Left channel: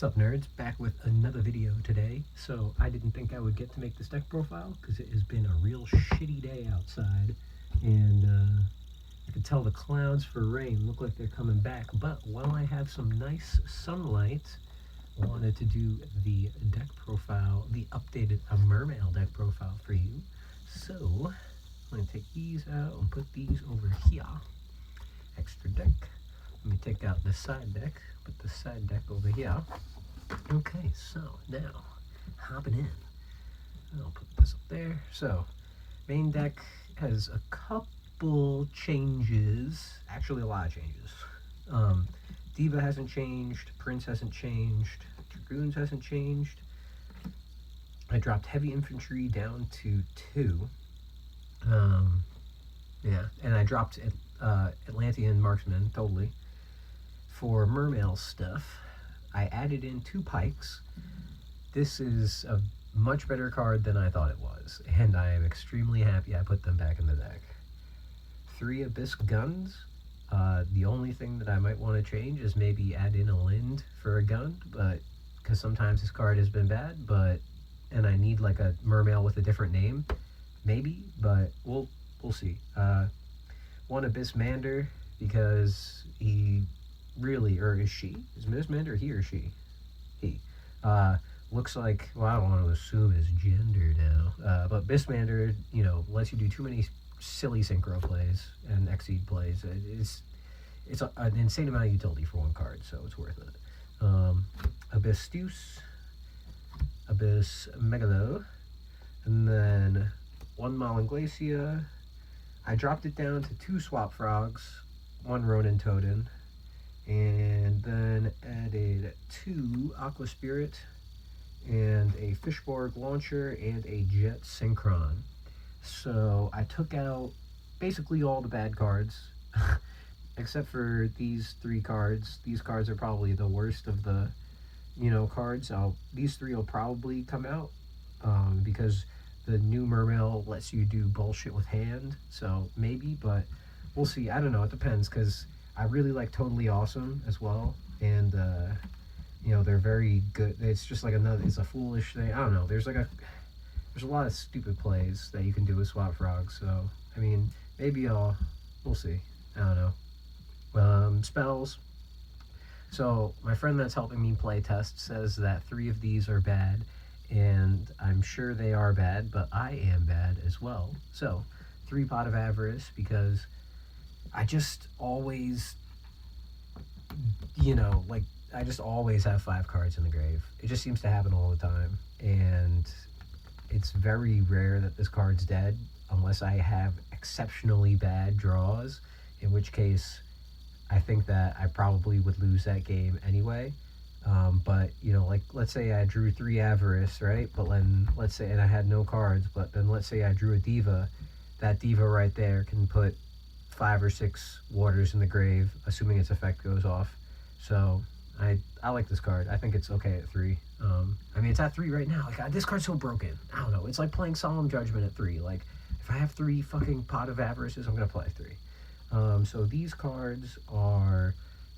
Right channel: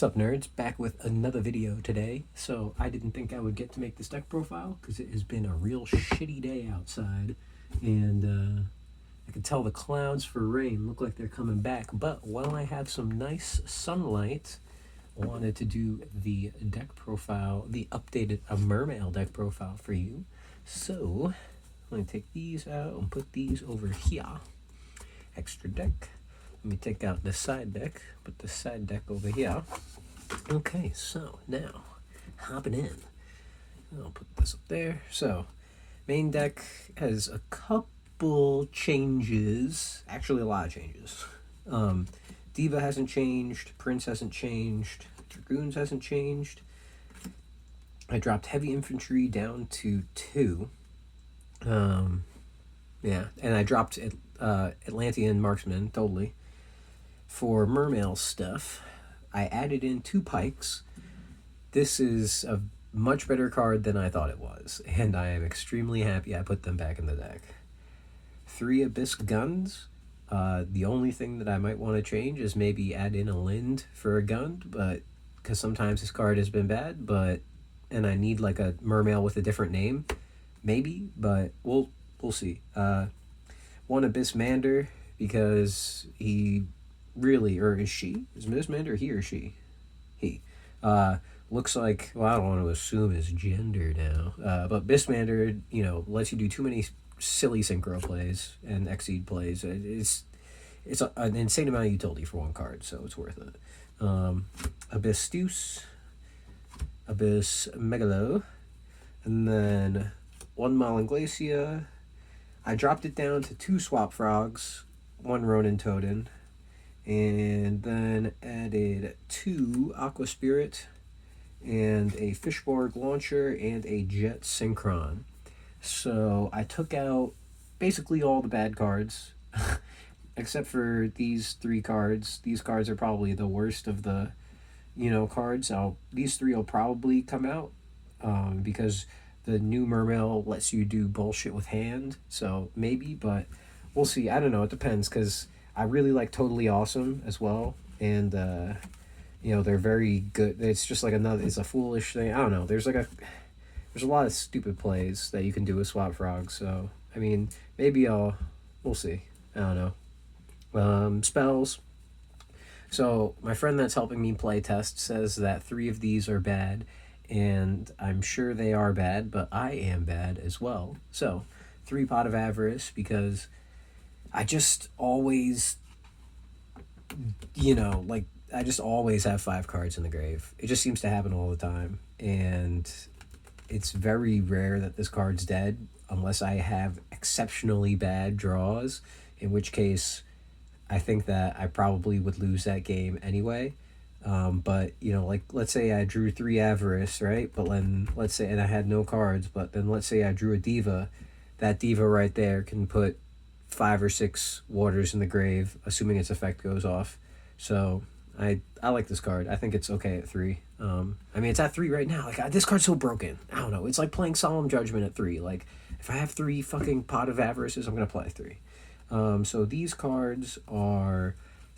What's up, nerds? Back with another video today. So I didn't think I would get to make this deck profile because it has been a real shitty day outside, and I can tell the clouds for rain look like they're coming back. But while I have some nice sunlight, I wanted to do the deck profile, the updated Mermail deck profile for you. So I'm going to take these out and put these over here. Extra deck. Let me take out the side deck, put the side deck over here. Okay, so now, hopping in. I'll put this up there. So, main deck has a couple changes, actually a lot of changes. Diva hasn't changed, Prince hasn't changed, Dragoons hasn't changed. I dropped Heavy Infantry down to 2. Yeah, and I dropped Atlantean Marksman, totally. For Mermail stuff, I added in 2 Pikes. This is a much better card than I thought it was, and I am extremely happy I put them back in the deck. 3 Abyss Guns. The only thing that I might want to change is maybe add in a Lind for a gun, but because sometimes this card has been bad, and I need like a Mermail with a different name, maybe, but we'll see. 1 Abyss Mander, because he really, or is she? Is Miss Mander he or she? He. Looks like, well, I don't want to assume his gender now, but Bismander, you know, lets you do too many silly synchro plays and Exceed plays. It's an insane amount of utility for 1 card, so it's worth it. Abyss Steus, Abyss Megalo, and then 1 Malin Glacia. I dropped it down to 2 Swap Frogs, 1 Ronin Totem, and then added 2 Aqua Spirit, and a Fishborg Launcher, and a Jet Synchron. So I took out basically all the bad cards, except for these 3 cards. These cards are probably the worst of the, cards. These 3 will probably come out, because the new Mermail lets you do bullshit with hand, so maybe, but we'll see. I don't know, it depends, because I really like Totally Awesome as well, and they're very good. It's just like it's a foolish thing. I don't know, there's a lot of stupid plays that you can do with Swap Frogs, so I mean, maybe we'll see. I don't know. Spells. So my friend that's helping me play test says that 3 of these are bad, and I'm sure they are bad, but I am bad as well. So 3 Pot of Avarice, because I just always, I just always have 5 cards in the grave. It just seems to happen all the time, and it's very rare that this card's dead unless I have exceptionally bad draws, in which case I think that I probably would lose that game anyway. But, let's say I drew 3 Avarice, right? But then, let's say, and I had no cards, but then let's say I drew a Diva. That Diva right there can put 5 or 6 waters in the grave, assuming its effect goes off. So I like this card. I think it's okay at 3. I mean, it's at 3 right now. Like, this card's so broken. I don't know. It's like playing Solemn Judgment at 3. Like, if I have 3 fucking Pot of Avarices, I'm going to play 3. So these cards are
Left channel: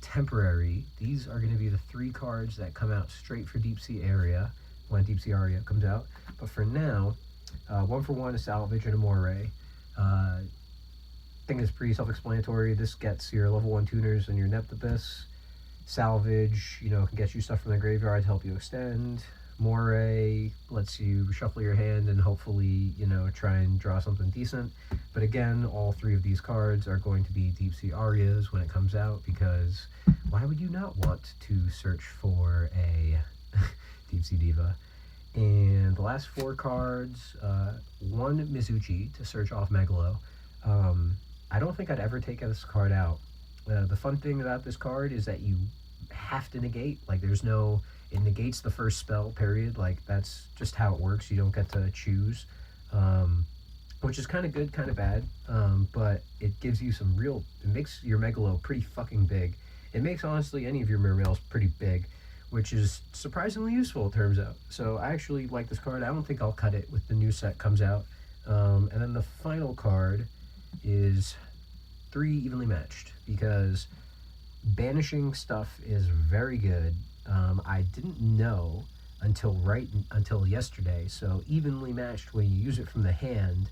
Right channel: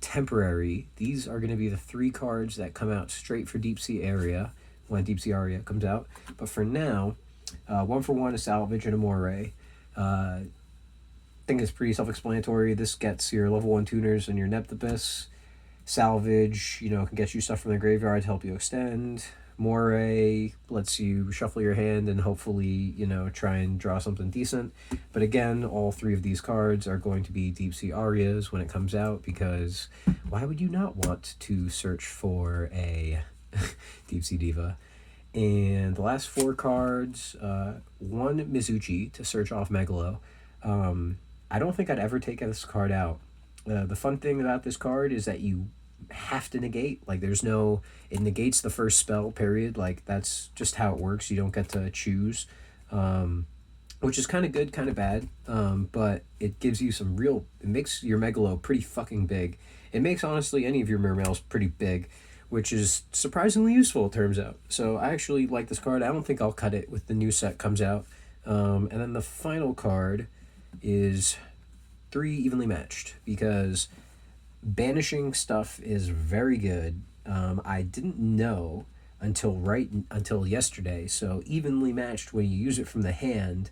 temporary. These are going to be the 3 cards that come out straight for Deep Sea Area when Deep Sea Aria comes out. But for now, 1 for 1 a Salvage and a Moray. I think it's pretty self-explanatory. This gets your level 1 tuners and your Neptibus. Salvage, can get you stuff from the graveyard to help you extend. Moray lets you shuffle your hand and hopefully, try and draw something decent. But again, all 3 of these cards are going to be Deep Sea Arias when it comes out, because why would you not want to search for a Deep Sea Diva? And the last 4 cards, 1 Mizuchi to search off Megalo. I don't think I'd ever take this card out. The fun thing about this card is that you have to negate. Like, it negates the first spell, period. Like, that's just how it works. You don't get to choose, which is kind of good, kind of bad, but it gives you it makes your Megalo pretty fucking big. It makes, honestly, any of your Mermails pretty big, which is surprisingly useful, it turns out. So I actually like this card. I don't think I'll cut it with the new set comes out. And then the final card is 3 Evenly Matched, because banishing stuff is very good. I didn't know until yesterday. So evenly matched, when you use it from the hand,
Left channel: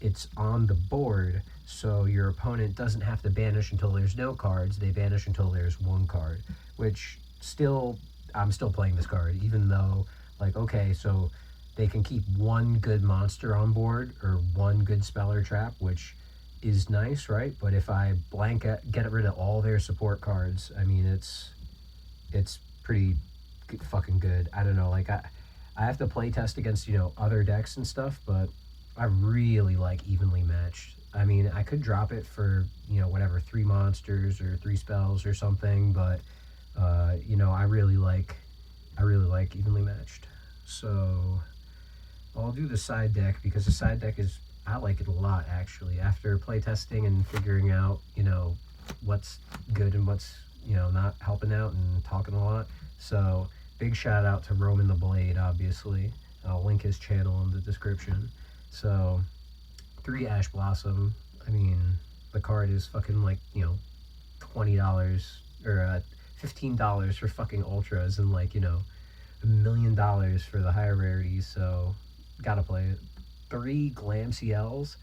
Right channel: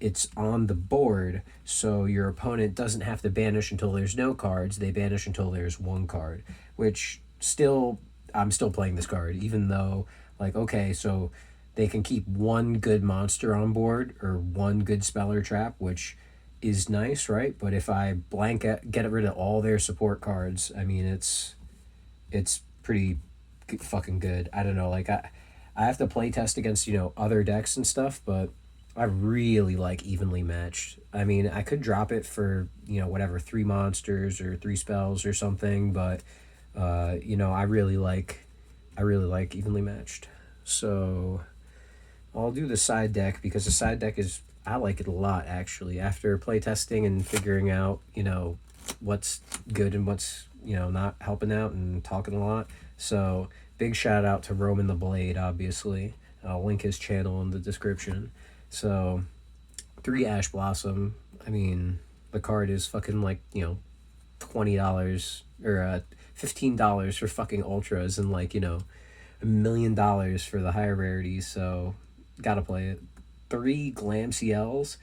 it's on the board, so your opponent doesn't have to banish until there's no cards. They banish until there's one card, which still, I'm still playing this card, even though, like, okay, so they can keep one good monster on board or one good spell or trap, which is nice, right? But if I get rid of all their support cards, I mean, it's pretty fucking good. I don't know, like I have to play test against other decks and stuff, but I really like evenly matched. I mean, I could drop it for whatever, three monsters or three spells or something, but I really like evenly matched. So I'll do the side deck because the side deck is, I like it a lot actually. After playtesting and figuring out what's good and what's not helping out and talking a lot. So big shout out to Roman the Blade, obviously. I'll link his channel in the description. So 3 Ash Blossom. I mean, the card is fucking like $20 or $15 for fucking ultras, and like $1 million for the higher rarities. So gotta play it. 3 Glam CLs.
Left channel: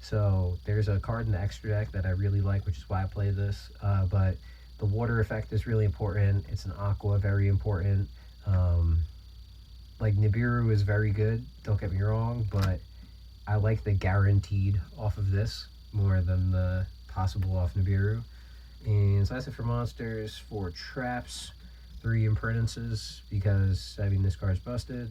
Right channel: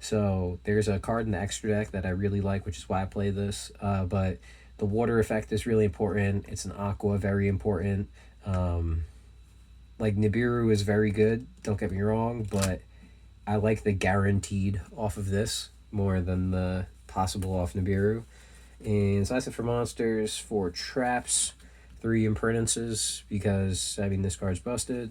So there's a card in the extra deck that I really like, which is why I play this. But the water effect is really important. It's an aqua, very important. Like Nibiru is very good, don't get me wrong, but I like the guaranteed off of this more than the possible off Nibiru. And so that's it for monsters. For traps, 3 Impertinences because, I mean, this card's busted.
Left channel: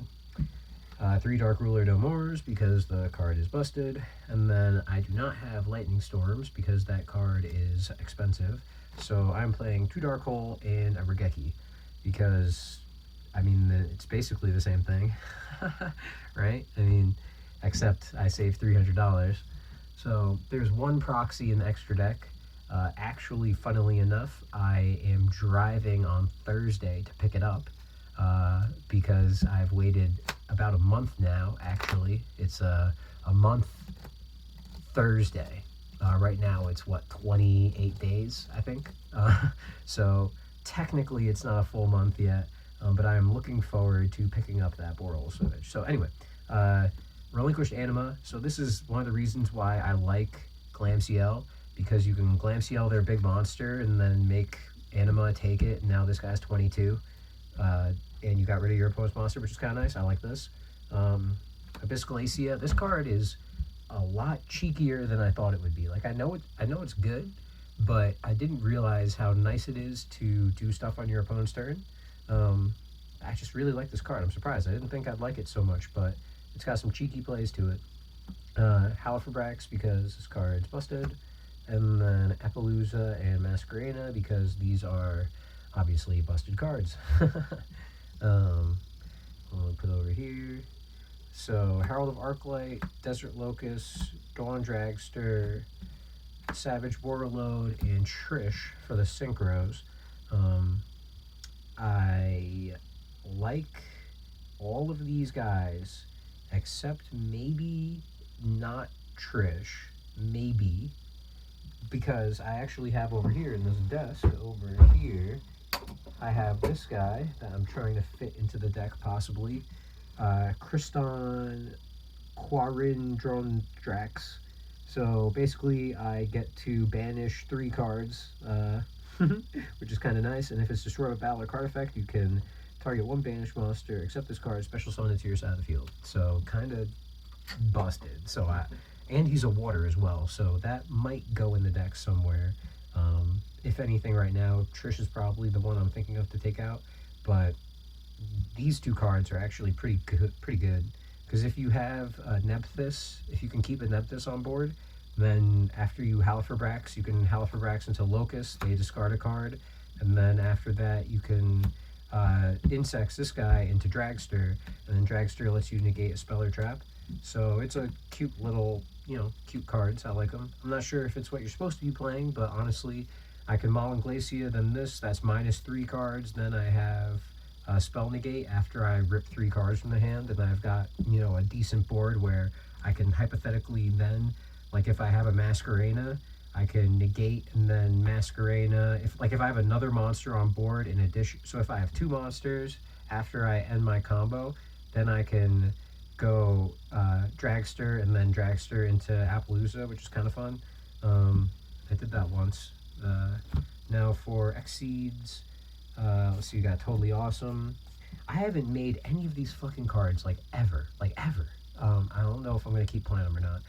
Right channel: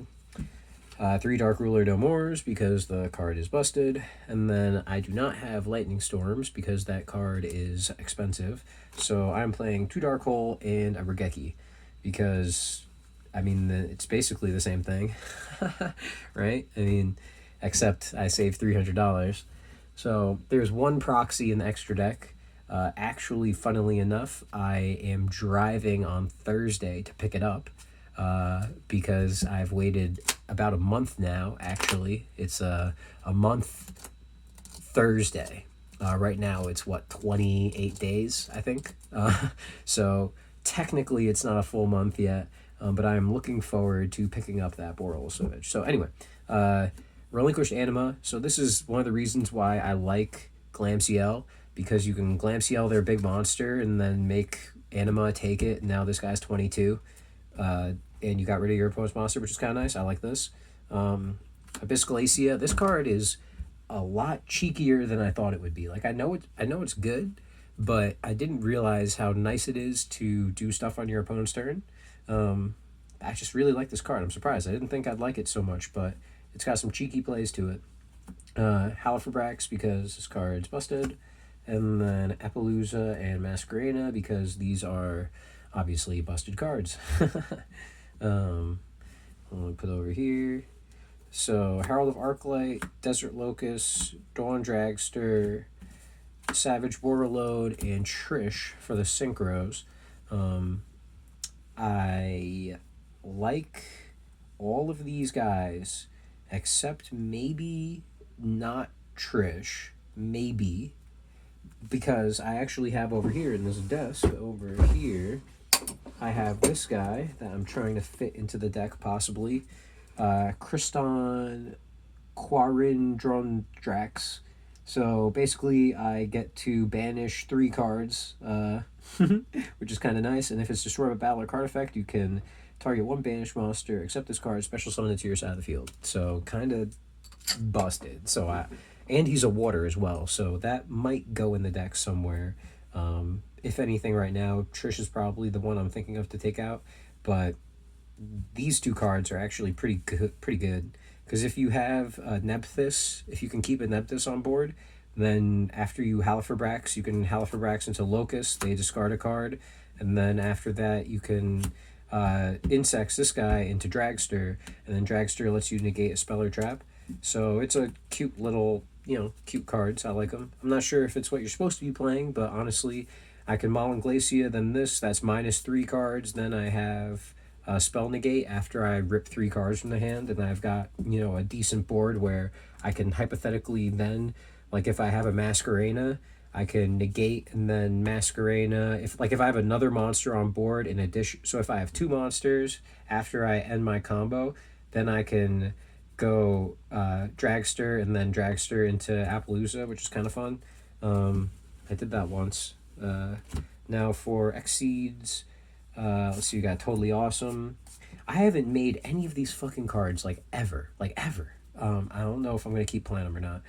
3 Dark Ruler No Mores because the card is busted. And then I do not have Lightning Storms because that card is expensive. So I'm playing 2 Dark Hole and a Regeki because, I mean, it's basically the same thing, right? I mean, except I saved $300. So there's 1 proxy in the extra deck. Actually, funnily enough, I am driving on Thursday to pick it up because I've waited about a month now, actually. It's a month Thursday. Right now it's 28 days, I think. So technically it's not a full month yet, but I'm looking forward to picking up that Boreal Savage. So anyway, Relinquished Anima. So this is one of the reasons why I like Glam CL, because you can Glam CL their big monster and then make Anima take it, and now this guy's 22. And you got rid of your opponent's monster, which is kind of nice. I like this. Abyssal Acia. This card is a lot cheekier than I thought it would be. Like, I know it's good, but I didn't realize how nice it is to do stuff on your opponent's turn. I just really like this card. I'm surprised. I didn't think I'd like it so much, but it's got some cheeky plays to it. Halifabrax because this card's busted. And then Appaloosa and Masquerena because these are obviously busted cards. I'll put it over here. So Herald of Arclight, Desert Locust, Dawn Dragster, Savage Warlord, and Trish for the synchros. I like all of these guys except maybe not Trish. Maybe. Because I actually have over here in this desk, over here, I have this guy that I'm trying to fit into the deck possibly. Kriston Quarindrondrax. So basically I get to banish 3 cards, which is kind of nice. And if it's destroyed by battle or card effect, you can target 1 banished monster, except this card, special summon it to your side of the field. So kind of busted. So and he's a water as well, so that might go in the deck somewhere. If anything, right now, Trish is probably the one I'm thinking of to take out, but these 2 cards are actually pretty good. Because if you have Nephthys, if you can keep a Nephthys on board, then after you Halifabrax, you can Halifabrax into Locust, they discard a card, and then after that you can Insects this guy into Dragster, and then Dragster lets you negate a spell or trap. So it's a cute little, cute cards. I like them. I'm not sure if it's what you're supposed to be playing, but honestly, I can Maul Glacia, then this, that's -3 cards. Then I have Spell Negate after I rip 3 cards from the hand, and I've got, a decent board where I can hypothetically then, like if I have a Masquerena, I can negate and then Masquerena. If I have another monster on board in addition, so if I have two monsters after I end my combo, then I can go Dragster and then Dragster into Appaloosa, which is kind of fun. I did that once. Now for Exceeds, let's see, we got Totally Awesome. I haven't made any of these fucking cards like ever, like ever. I don't know if I'm gonna keep playing them or not.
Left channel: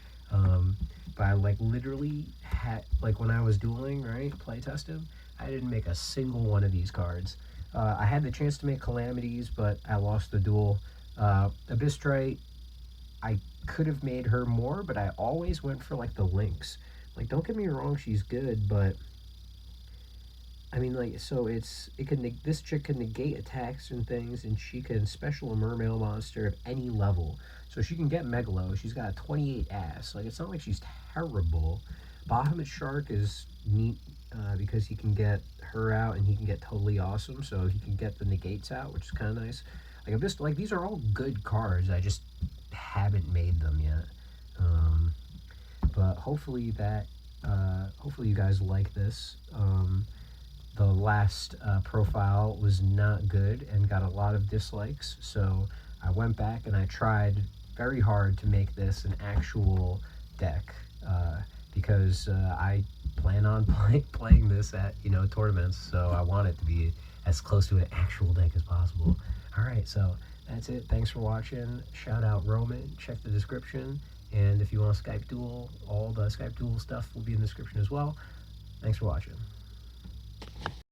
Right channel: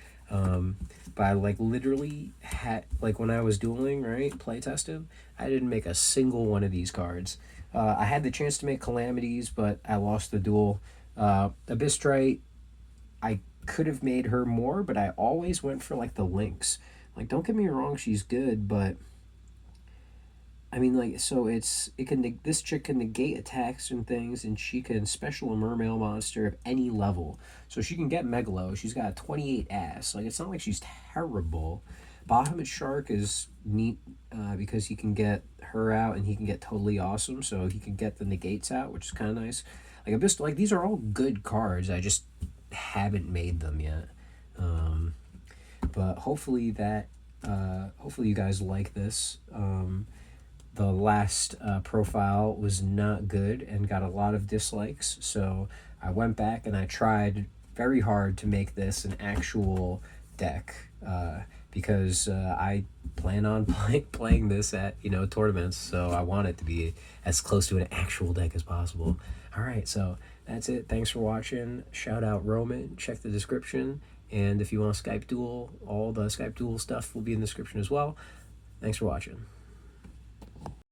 But I like literally had like when I was dueling, right, play tested, I didn't make a single one of these cards. I had the chance to make Calamities, but I lost the duel. Abystrite, I could have made her more, but I always went for like the Lynx. Like, don't get me wrong, she's good, but I mean, like, so it can this chick can negate attacks and things, and she can special a Mermail monster of any level. So she can get Megalo. She's got a 28 ass. Like, it's not like she's terrible. Bahamut Shark is neat because he can get her out and he can get Totally Awesome. So he can get the negates out, which is kind of nice. Like, I'm just like these are all good cards. I just haven't made them yet. But hopefully you guys like this. The last profile was not good and got a lot of dislikes, so I went back and I tried very hard to make this an actual deck because I plan on playing this at tournaments, so I want it to be as close to an actual deck as possible. All right, so that's it. Thanks for watching. Shout out Roman. Check the description, and if you want a Skype duel, all the Skype duel stuff will be in the description as well. Thanks for watching.